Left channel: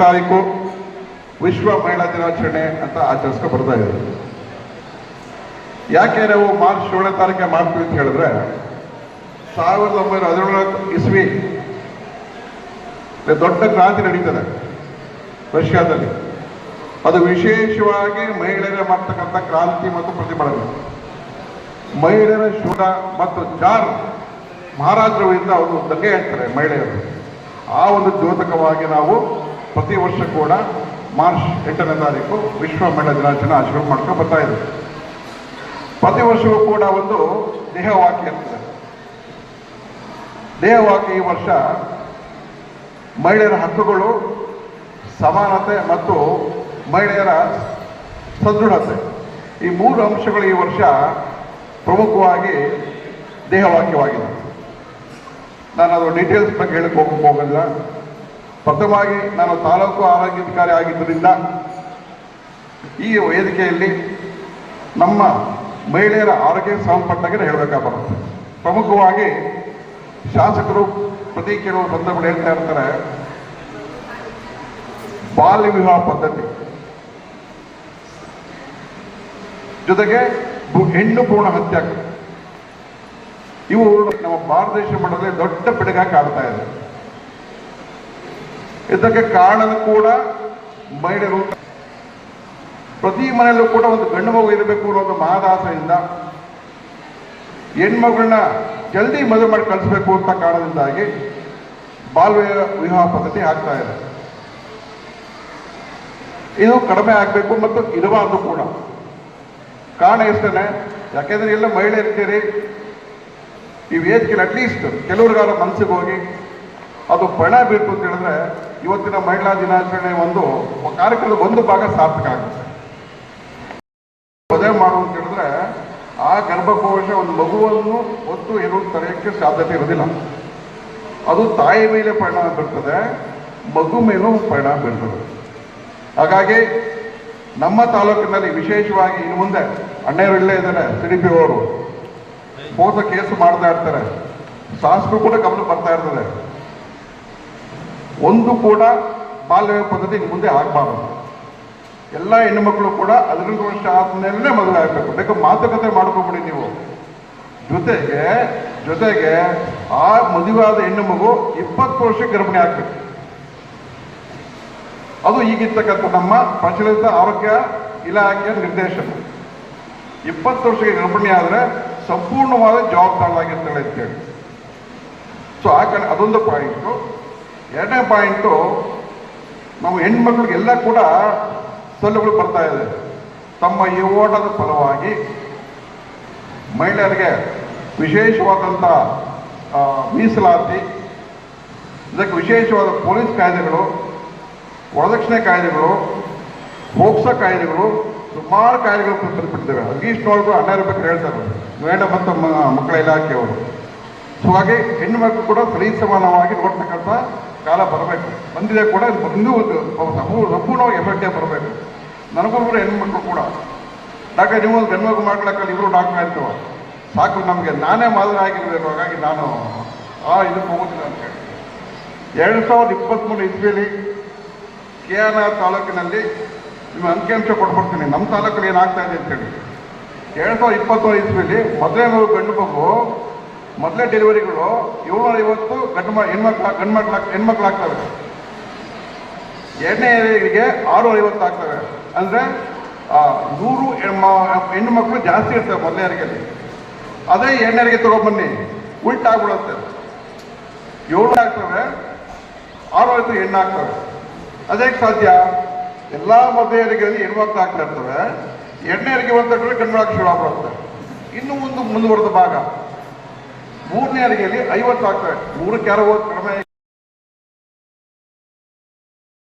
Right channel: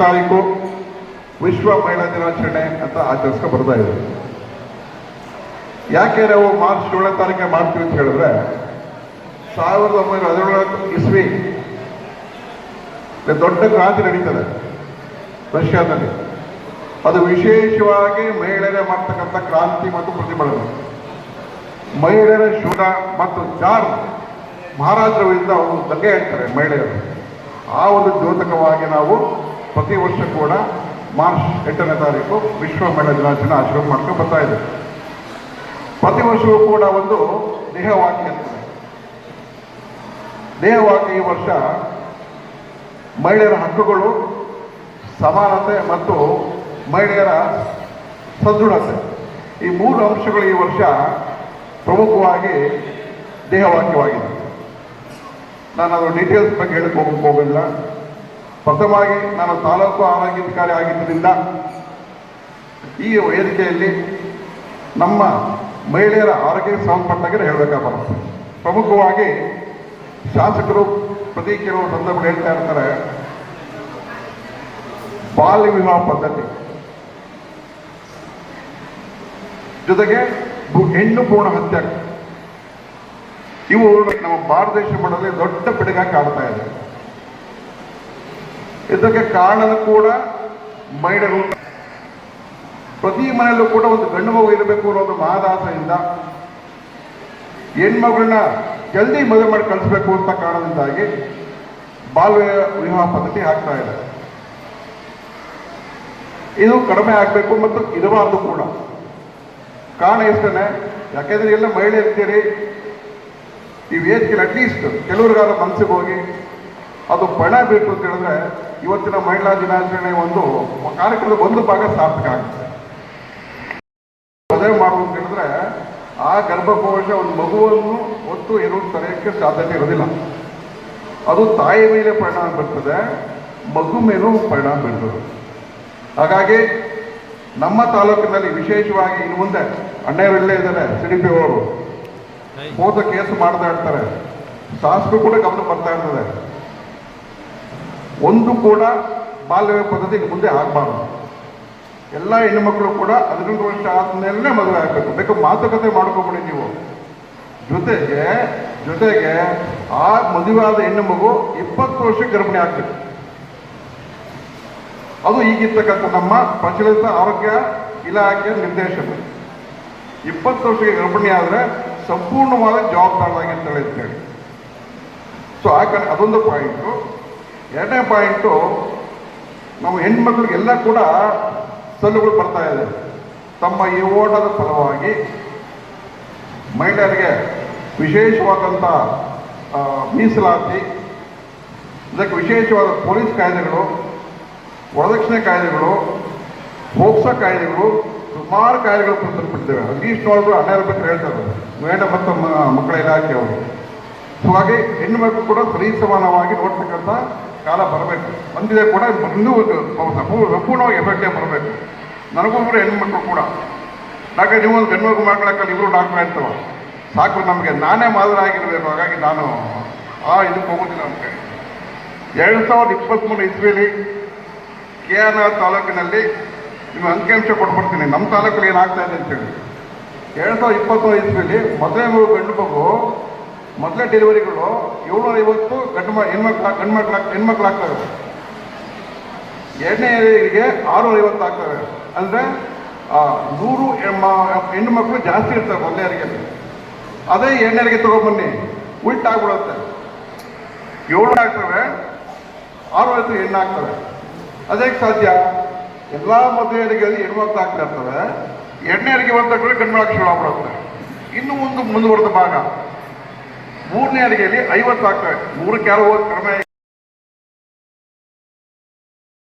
ತಾರೀಕು ವಿಶ್ವ ಮಹಿಳಾ ದಿನಾಚರಣೆ ಅಂತ ಆಚರಿಸ್ಕೊ ಬರ್ತಾ ಇದ್ದಾರೆ ಯಾಕೆ ನಾವು ಮಾರ್ಚ್ ಏಳನೇ ತಾರೀಕೆ ಮಾಡ್ತೀವಿ ಅಂತ ಹೇಳಿದ್ರೆ, ಸಾವಿರದ ಒಂಬೈನೂರ ಹದಿನೇಳು ಇಸ್ವಿ ದೊಡ್ಡ ಕ್ರಾಂತಿ ನಡೀತದೆ ರಷ್ಯಾದಲ್ಲಿ. ಅದು ವಿಶೇಷವಾಗಿ ಮಹಿಳೆಯರೇ ಮಾಡ್ತಕ್ಕಂಥ ಕ್ರಾಂತಿ ಮತ್ತು ಪ್ರತಿಭಟನೆ ಮಹಿಳೆಯರ ಶೋಧ ಮತ್ತು ಚಾರ್ ಮಹಾರಾಜರ ವಿರುದ್ಧ ಅವರು ದಂಗೆ ಹೇಳ್ತಾರೆ ಮಹಿಳೆಯರು. ಆ ಒಂದು ದ್ಯೋತಕವಾಗಿ ನಾವು ಪ್ರತಿ ವರ್ಷ ಕೂಡ ಮಾರ್ಚ್ ಎಂಟನೇ ತಾರೀಕು ವಿಶ್ವ ಮಹಿಳಾ ದಿನಾಚರಣೆ ಆಚರಣೆ ಮಾಡ್ಕೊಂಡು ಬರ್ತಾ ಇದೆ. ಪ್ರತಿ ವರ್ಷವೂ ಕೂಡ ಒಂದು ದೇಹವಾಕ್ಯ ಇರ್ತದೆ. ದೇಹವಾಕ್ಯ ಈ ವರ್ಷ ಮಹಿಳೆಯರ ಹಕ್ಕುಗಳು, ಸಮಾನತೆ ಮತ್ತು ಮಹಿಳೆಯರ ಸದೃಢತೆ. ಈ ಮೂರು ಅಂಶಗಳು ಈ ವರ್ಷ ಪ್ರಮುಖವಾಗಿ ದೇಹವಾಕ್ಯವಾಗಿದೆ. ನಾನು ಅದರ ಡೀಟೇಲ್ಸ್ ಬಗ್ಗೆ ಹೇಳಕ್ಕೆ ಹೋಗಲ್ಲ ಪ್ರಥಮವಾಗಿ ನಾನು ತಾಲೂಕು ಆರೋಗ್ಯಾಧಿಕಾರಿ ಆಗಿದ್ದರಿಂದ ಈ ವೇದಿಕೆಯಲ್ಲಿ ನಮ್ಮ ಮಹಿಳೆಯರ ಆರೋಗ್ಯಕ್ಕೆ ಸಂಬಂಧಪಟ್ಟಾಗ ಹೇಳಬೇಕಾಗುತ್ತೆ ಪ್ರಮುಖವಾಗಿ ಶಾಸಕರು ಪ್ರತಿ ಕೆಲವು ಸಂದರ್ಭಗಳು ಹೇಳ್ತಾ ಇರ್ತಾರೆ, ಬಾಲ್ಯ ವಿವಾಹ ಪದ್ಧತಿ. ಜೊತೆಗೆ ಹೆಣ್ಣು ಪೂರ್ಣ ಹತ್ಯೆ. ಇವು ನಮ್ಮ ಭಾರತ ದೇಶ ಮಟ್ಟದಲ್ಲಿ ದೊಡ್ಡ ಪಿಡುಗ ಕಾಡ್ತಾ ಇದೆ. ಇದಕ್ಕೆ ಕಾರಣ ಕೂಡ ಮಹಿಳೆಯರು ಪ್ರತಿ ಮನೆಯಲ್ಲೂ ಕೂಡ ಒಂದು ಗಂಡು ಮಗು ಇರಬೇಕು ಅನ್ನೋ ಒಂದು ಮಹದಾಸೆಯಿಂದ ಹೆಣ್ಮಗಳನ್ನ ಜಲ್ದಿ ಮದುವೆ ಮಾಡಿ ಕಳಿಸ್ಬೇಕು ಅಂತ ಕಾರಣದಿಂದಾಗಿ ಬಾಲ್ಯ ವಿವಾಹ ಪದ್ಧತಿ ಆಗ್ತಾ ಇದೆ. ಇದು ಕಡಿಮೆ ಆಗಬೇಕು ಮತ್ತು ಇರಬಾರ್ದು ಕೂಡ. ಕಾರಣ ಇಷ್ಟೇ ಯಾಕೆಂದ್ರೆ ಎಲ್ಲ ಮಹಿಳೆ ಇರ್ತೀರಿ ಈ ವೇದಿಕೆ ಅಟ್ಲೀಸ್ಟ್ ಕೆಲವರಿಗಾರ ಮನಸ್ಸಿಗೆ ಹೋಗಿ ಅದು ಬಣ ಬೇಕು ಅಂತ ಹೇಳಿದ್ರೆ ಇವತ್ತಿನ ಮಹಿಳಾ ದಿನಾಚರಣೆ ಒಂದು ಕಾರ್ಯಕ್ರಮದ ಒಂದು ಭಾಗ ಸಾರ್ಥಕ ಆಗುತ್ತೆ. ಮದುವೆ ಮಾಡು ಅಂತ ಹೇಳಿದ್ರೆ ಆ ಗರ್ಭಕೋಶ ಒಂದು ಮಗುವನ್ನು ಒತ್ತು ಎರಡು ತರಕ್ಕೆ ಸಾಧ್ಯತೆ ಇರೋದಿಲ್ಲ ಅದು ತಾಯಿ ಮೇಲೆ ಪರಿಣಾಮ ಬೀರ್ತದೆ, ಮಗು ಮೇಲೂ ಪರಿಣಾಮ ಬೀರ್ತದೆ. ಹಾಗಾಗಿ ನಮ್ಮ ತಾಲೂಕಿನಲ್ಲಿ ವಿಶೇಷವಾಗಿ ಇನ್ನು ಮುಂದೆ ಅಣ್ಣಯ್ಯರು ಇಲ್ಲೇ ಇದ್ದಾರೆ ಸಿಡಿಪಿ ಅವರು. ಹೋದ ಕೇಸ್ ಮಾಡ್ತಾ ಇರ್ತಾರೆ. ಶಾಸಕರು ಕೂಡ ಗಮನ ಬರ್ತಾ ಇರ್ತದೆ. ಒಂದು ಕೂಡ ಬಾಲ್ಯ ಪದ್ಧತಿ ಮುಂದೆ ಆಗಬಾರ್ದು. ಎಲ್ಲ ಹೆಣ್ಣುಮಕ್ಕಳು ಕೂಡ ಹದಿನೆಂಟು ವರ್ಷ ಆದ್ಮೇಲೆ ಮದುವೆ ಆಗಬೇಕು. ಬೇಕು ಮಾತುಕತೆ ಮಾಡ್ಕೊಬಿಡಿ ನೀವು. ಜೊತೆಗೆ ಜೊತೆಗೆ ಆ ಮದುವೆಯಾದ ಹೆಣ್ಣು ಮಗು ಇಪ್ಪತ್ತು ವರ್ಷ ಗರ್ಭಿಣಿ ಆಗ್ಬೇಕು. ಅದು ಈಗಿರ್ತಕ್ಕಂಥ ನಮ್ಮ ಪ್ರಚಲಿತ ಆರೋಗ್ಯ ಇಲಾಖೆಯ ನಿರ್ದೇಶನ. ಇಪ್ಪತ್ತು ವರ್ಷಕ್ಕೆ ಗರ್ಭಿಣಿ ಆದರೆ ಸಂಪೂರ್ಣವಾದ ಜವಾಬ್ದಾರವಾಗಿ ಅಂತ ಹೇಳಿ. ಸೊ ಆ ಅದೊಂದು ಪಾಯಿಂಟು ಎರಡನೇ ಪಾಯಿಂಟು ನಾವು ಹೆಣ್ಮಕ್ಳಿಗೆಲ್ಲ ಕೂಡ ಸೊಲ್ಲುಗಳು ಬರ್ತಾ ಇದೆ ತಮ್ಮ ಈ ಓಟದ ಫಲವಾಗಿ ಮಹಿಳೆಯರಿಗೆ ವಿಶೇಷವಾದಂಥ ಮೀಸಲಾತಿ, ಇದಕ್ಕೆ ವಿಶೇಷವಾದ ಪೊಲೀಸ್ ಕಾಯ್ದೆಗಳು, ವರದಕ್ಷಿಣೆ ಕಾಯ್ದೆಗಳು ಹೋಕ್ಸೋ ಕಾಯ್ದೆಗಳು, ಸುಮಾರು ಕಾಯ್ದೆಗಳು ಒಳಗೂ ಹನ್ನೆರಡು ರೂಪಾಯಿ ಹೇಳ್ತಾರೆ ಮೇಡ ಮತ್ತು ಮಕ್ಕಳ ಇಲಾಖೆಯವರು ಸೊ ಹಾಗೆ ಹೆಣ್ಣು ಮಕ್ಕಳು ಕೂಡ ಸರಿ ಸಮಾನವಾಗಿ ನೋಡ್ತಕ್ಕಂಥ ಕಾಲ ಬರಬೇಕು. ಬಂದಿದೆ ಕೂಡ ಸಂಪೂರ್ಣ- ಸಂಪೂರ್ಣವಾಗಿ ಎಫೆಕ್ಟೇ ಬರಬೇಕು. ನನಗೊಬ್ಬರು ಹೆಣ್ಮಕ್ಳು ಕೂಡ. ಡಾಕ್ಟರ್ ನೀವು ಒಂದು ಗಂಡು ಮಗು ಮಾಡ್ಕೊಳಕ್ಕಲ್ಲ ಇವರು ಡಾಕ್ಟರ್ ಹೇಳ್ತವ ಸಾಕು ನಮಗೆ. ನಾನೇ ಮಾದರಾಗಿರ್ಬೇಕು ಹಾಗಾಗಿ ನಾನು ಆ ಇದಕ್ಕೆ ಹೋಗೋದಿಲ್ಲ ಅಂತ ಎರಡು ಸಾವಿರದ ಇಪ್ಪತ್ತ್ಮೂರು ಇಸ್ವಿಯಲ್ಲಿ ಕೆ ಆರ್ ಆರ್ ತಾಲೂಕಿನಲ್ಲಿ ನಿಮ್ಮ ಅಂಕಿಅಂಶ ಕೊಟ್ಬಿಡ್ತೀನಿ. ನಮ್ಮ ತಾಲೂಕಲ್ಲಿ ಏನಾಗ್ತಾ ಇದೆ ಅಂತೇಳಿ. ಎರಡು ಸಾವಿರದ ಇಪ್ಪತ್ತ್ಮೂರು ಇಸ್ವಿಯಲ್ಲಿ ಮೊದಲನೇ ಗಂಡು ಮಗು ಮೊದಲೇ ಡೆಲಿವರಿಗಳು ಏಳ್ನೂರ ಐವತ್ತು ಗಂಡು ಹೆಣ್ಮಕ್ಳ ಗಂಡು ಹೆಣ್ಮಕ್ಳು ಆಗ್ತವೆ. ಎರಡನೇ ಹೆರಿಗೆ ಆರುನೂರ ಐವತ್ತು ಆಗ್ತವೆ. ಅಂದರೆ ನೂರು ಹೆಣ್ಣು ಮಕ್ಕಳು ಜಾಸ್ತಿ ಇರ್ತವೆ ಮೊದಲನೇ ಅದೇ ಎರಡನೇರಿಗೆ ತಗೊಬನ್ನಿ. ಉಲ್ಟಾಗ್ಬಿಡುತ್ತೆ ಏಳು ಆಗ್ತವೆ ಆರು ಐದು ಹೆಣ್ಣು ಆಗ್ತವೆ. ಅದೇ ಸಾಧ್ಯ. ಎಲ್ಲ ಮದುವೆಯರಿಗೆಯಲ್ಲಿ ಹೆಣ್ಮಕ್ಳು ಆಗ್ತಾ ಇರ್ತವೆ. ಎರಡನೇರಿಗೆ ಬಂದ ಗಂಡು ಮಕ್ಕಳು ಶುರು ಆಗ್ಬಿಡುತ್ತೆ ಇನ್ನು ಒಂದು ಮುಂದುವರೆದ ಭಾಗ. ಮೂರನೇ ಅಡಿಗೆಯಲ್ಲಿ ಐವತ್ತು ಆಗ್ತವೆ. ಮೂರಕ್ಕೆ ಯಾರೋ ಹೋಗಿ ಕಡಿಮೆ